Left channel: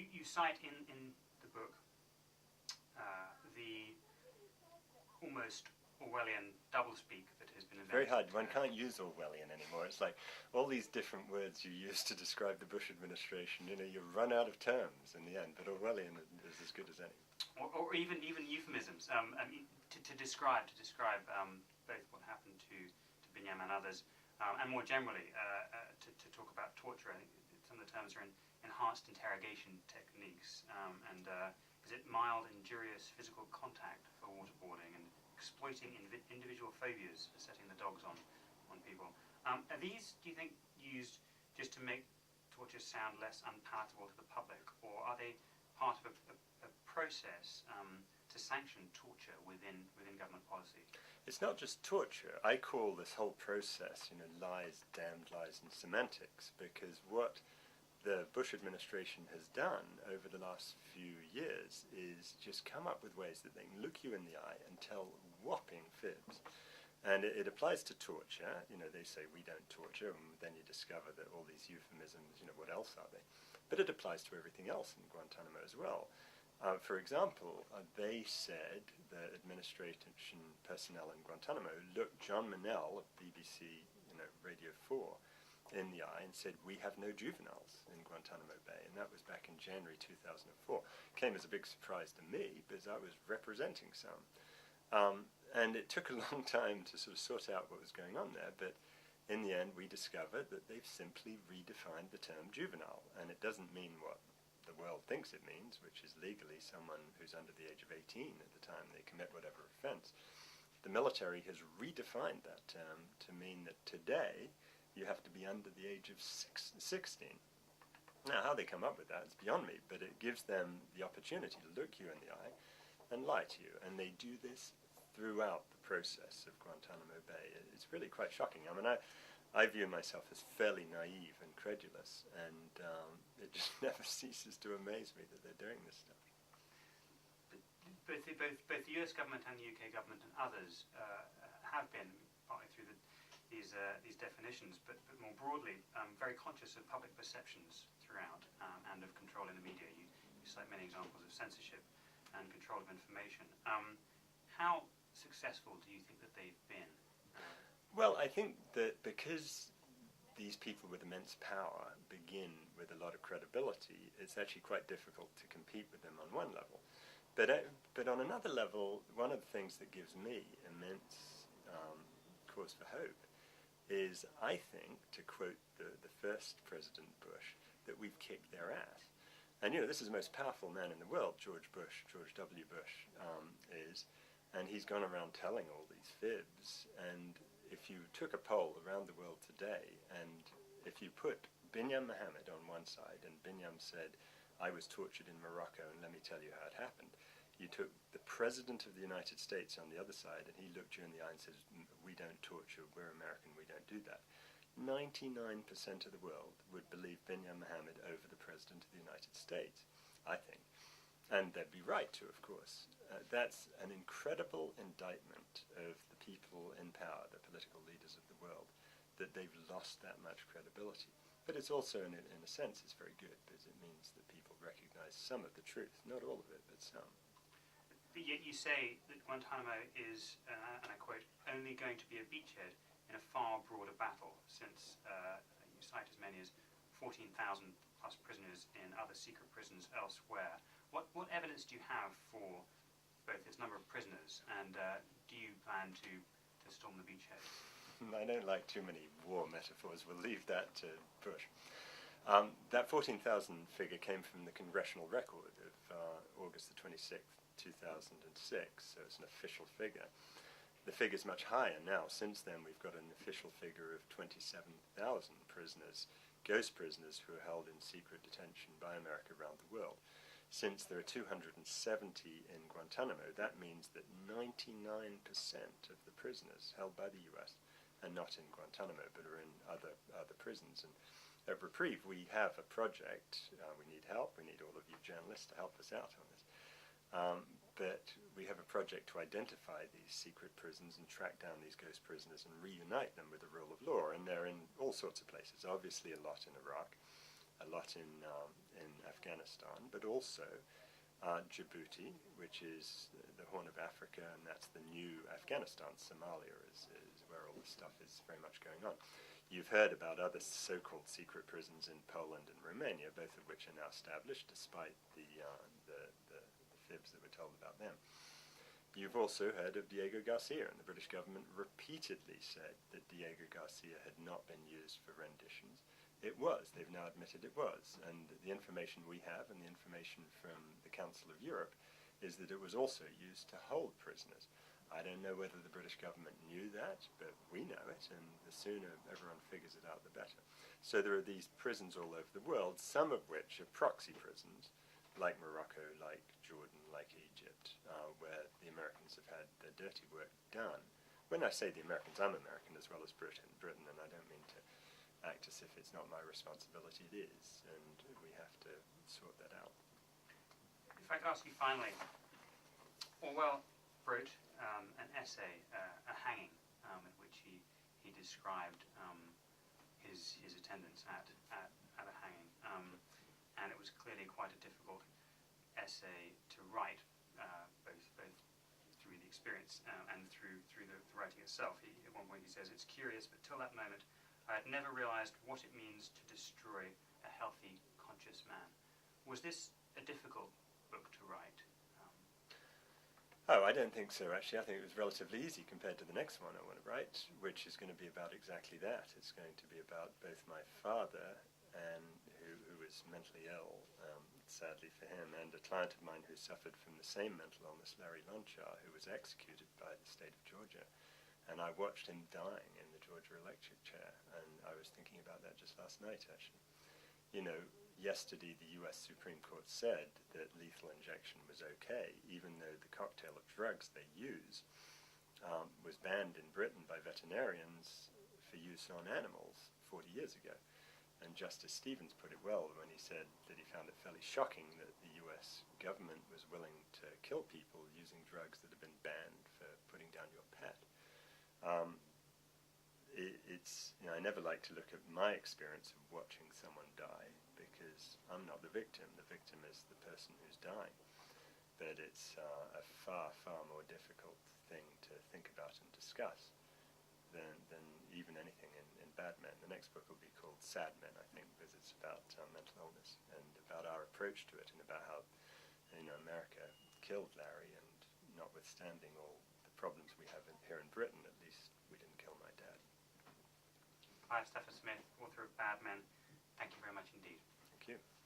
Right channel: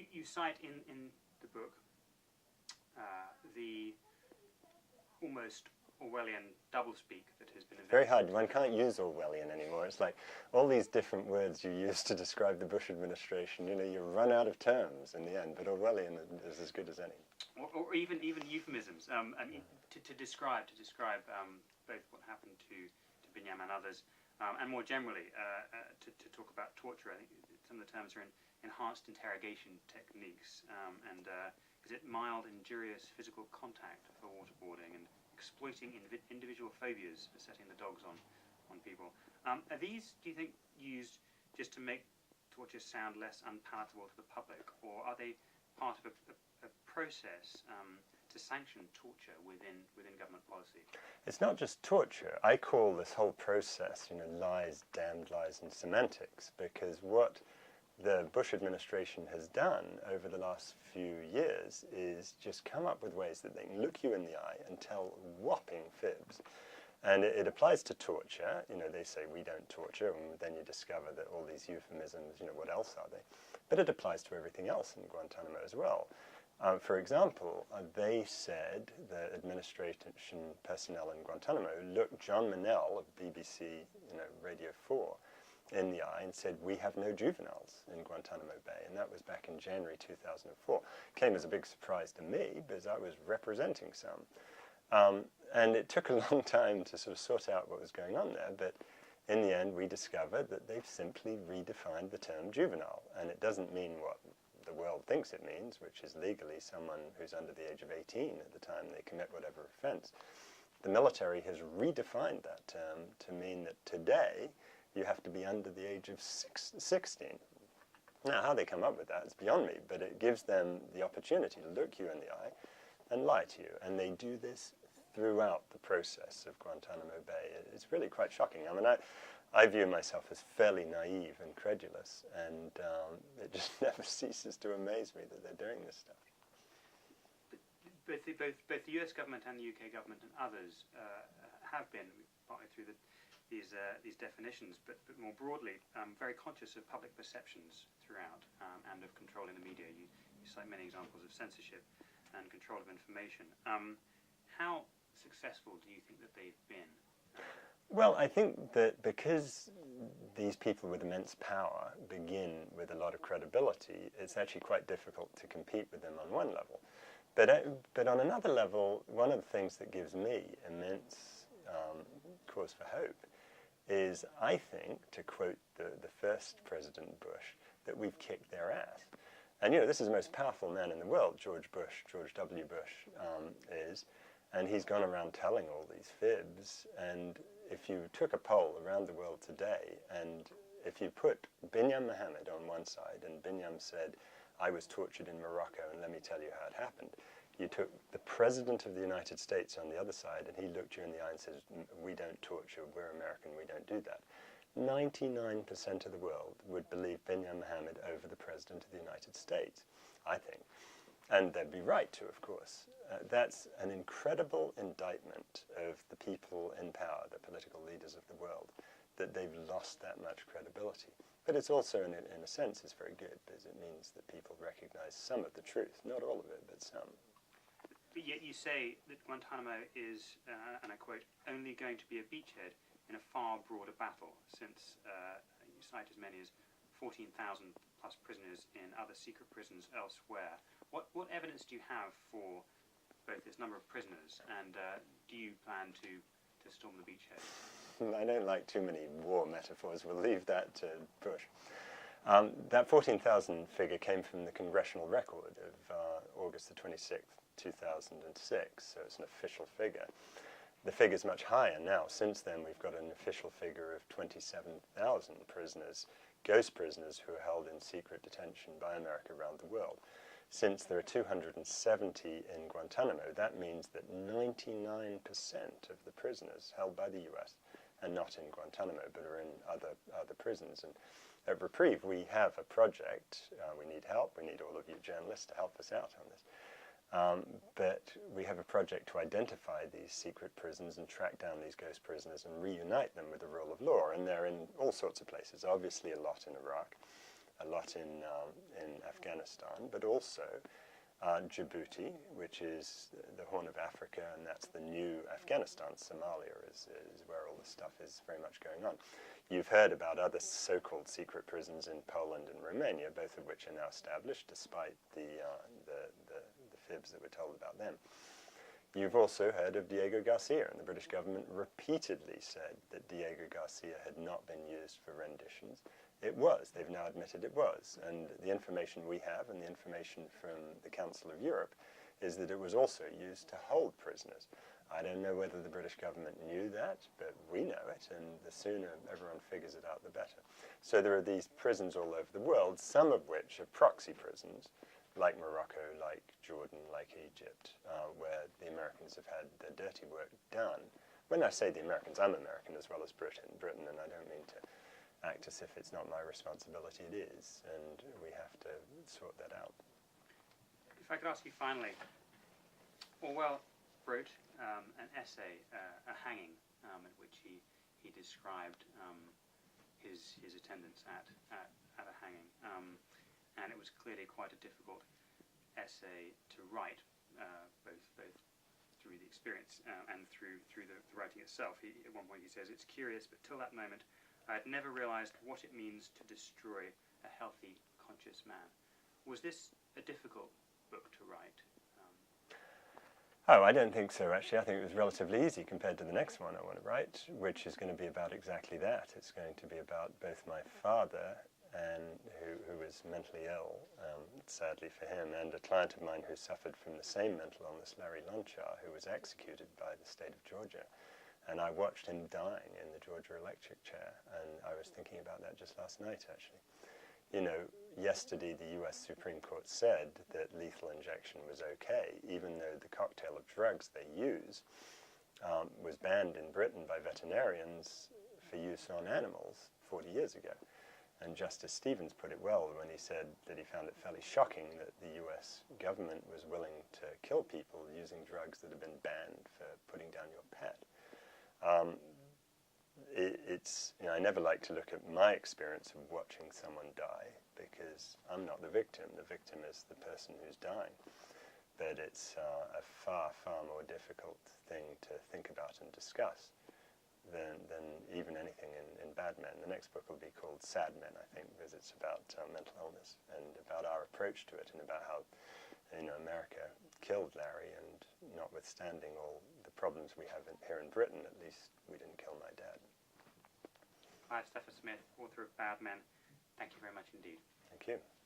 you cite in the book the almost Orwellian doublespeak that has been invented. Very hard. One can't use Orwellian anymore. It's like all these different words you use to describe the Bush administration. You know, you run out of terms in the end, but Orwellian is as good as any. Or even euphemisms. I mean, to describe both what happened to Binyam and others, and more generally to talk about torture. I think some of the terms are enhanced interrogation techniques, and is it mild injurious physical contact for waterboarding and exploiting individual phobias for setting the dogs on people. Are these, do you think, used just to make torture sound less unpalatable to the public, or are they part of a process to sanction torture within government policy? It's not just torture. I call this whole process, lies, damned lies, and semantics, because what the Bush administration has done over the last few years is just come up with ways that they can look you in the eye and tell whopping fibs. And it applies to torture. They say we don't torture, and then you discover that all these euphemisms, what else are they? But it applies to everything else in Guantanamo as well. For example, they said, the administration personnel in Guantanamo looked John Manel of BBC, Radio 4, in the eye and said, we have no juveniles in Guantanamo Bay, and that was back in January 2004. Came as a big surprise to me, because I was representing some. And it took a long time to sort of sort out what was going on there, but in the end we discovered that they've simply redefined the term juvenile, and it doesn't mean what the world thinks it means, which is legally someone who's under the age of 18 at the time they commit whatever offense. The military has redefined that term to mean that today you have to be under the age of 16. Now, how they come up with that is beyond me, but it gives them the opportunity to look you in the eye and lie to you. And they do this throughout the process of Guantanamo Bay. It's really quite shocking. I mean, I view myself as fairly naive and credulous, and it just never ceases to amaze me that they're doing this stuff. Both the US government and the UK government and others have been, partly through these definitions, but more broadly, very conscious of public perceptions throughout, and of control in the media. You cite many examples of censorship and control of information. How successful do you think that they've been? Well, I think that because these people with immense power begin with a lot of credibility, it's actually quite difficult to compete with them on one level. But on another level, one of the things that gives me immense cause for hope is, I think, to quote the first President Bush, that we've kicked their ass. And, this is the most powerful man in the world, George W. Bush is, and he's gone around telling all these fibs. And if you took a poll around the world today, and if you put Binyam Mohammed on one side, and Binyam said, I was tortured in Morocco, and let me tell you how it happened. You took the President of the United States on the other side, and he looked you in the eye and said, we don't torture, we're American, we don't do that. 99% of the world would believe Binyam Mohammed over the President of the United States, I think. And they'd be right to, of course. That's an incredible indictment of the people in power, the political leaders of the world, that they've lost that much credibility. But it's also, in a sense, it's very good, because it means that people recognize some of the truth, not all of it, but some. But yet you say that Guantanamo is, and I quote, only going to be a beachhead in a far broader battle, since you cite as many as 14,000 plus prisoners in other secret prisons elsewhere. What evidence do you have for both this number of prisoners, and do you plan to storm the beachhead? I don't like too many war metaphors. We'll leave that to Bush. That 14,000 figure came from the congressional record of August the 26th, 2006, so it's an official figure. The figure's much higher now. Since then, we've got an official figure of 27,000 prisoners, ghost prisoners who are held in secret detention by America around the world. Since there are 270 in Guantanamo, that means that 99% of the prisoners held by the US are not in Guantanamo, but are in other prisons. And at Reprieve, we have a project. We need help. We need all of you journalists to help us out on this. But we have a project to identify these secret prisons and track down these ghost prisoners and reunite them with the rule of law. And they're in all sorts of places, obviously a lot in Iraq. a lot in Afghanistan, but also Djibouti, which is the Horn of Africa, and that's the new Afghanistan. Somalia is where all this stuff is very much going on. You've heard about other so-called secret prisons in Poland and Romania, both of which are now established, despite the fibs that were told about them. You've also heard of Diego Garcia, and the British government repeatedly said that Diego Garcia had not been used for renditions. It was. They've now admitted it was. And the information we have, and the information from the Council of Europe, is that it was also used to hold prisoners. I don't know whether the British government knew that, but we know it, and the sooner everyone figures it out, the better. So there are these prisons all over the world, some of which are proxy prisons, like Morocco, like Jordan, like Egypt, where the Americans have had their dirty work done. When I say the Americans, I'm American as well as Britain, and I don't mean to act as if it's not my responsibility. It is, and we have to sort that out. If I could ask you finally, Orwell wrote an essay, a hanging, in which he described his attendance at a hanging, and it was clearly quite a difficult essay to write, both through the experience and through the writing itself. At one point he says, "It's curious, but till that moment I had never realized what it means to destroy a healthy, conscious man." Was this a difficult book to write? Oh, I don't think so, actually. I think it was relatively easy compared to the next one I want to write, which is going to be about exactly that. It's going to be about both my father, who was mentally ill, sadly for him, and a client of mine who suffered from the same mental illness, Larry Lonchar, who was executed by the state of Georgia. And I watched him dying in the Georgia electric chair, and I was thinking about that just last night, actually. You know, yesterday the US Supreme Court said that lethal injection was okay, even though the cocktail of drugs they use was banned in Britain by veterinarians for use on animals 40 years ago. And Justice Stevens put it well when he said that he found it fairly shocking that the US government was willing to kill people using drugs that have been banned for putting down your pet. I never like to look at my experience of watching someone die, because I'm not the victim. The victim is the person who's dying. But it's a far, far more difficult thing to think about and discuss than even anything in Bad Men. The next book will be called Sad Men, I think, because it's about mental illness and about our approach to it, and about how, America killed Larry, and notwithstanding all the problems we have here in Britain, at least we didn't kill my dad. Clive Stafford Smith, author of Bad Men, thank you very much indeed. Thank you.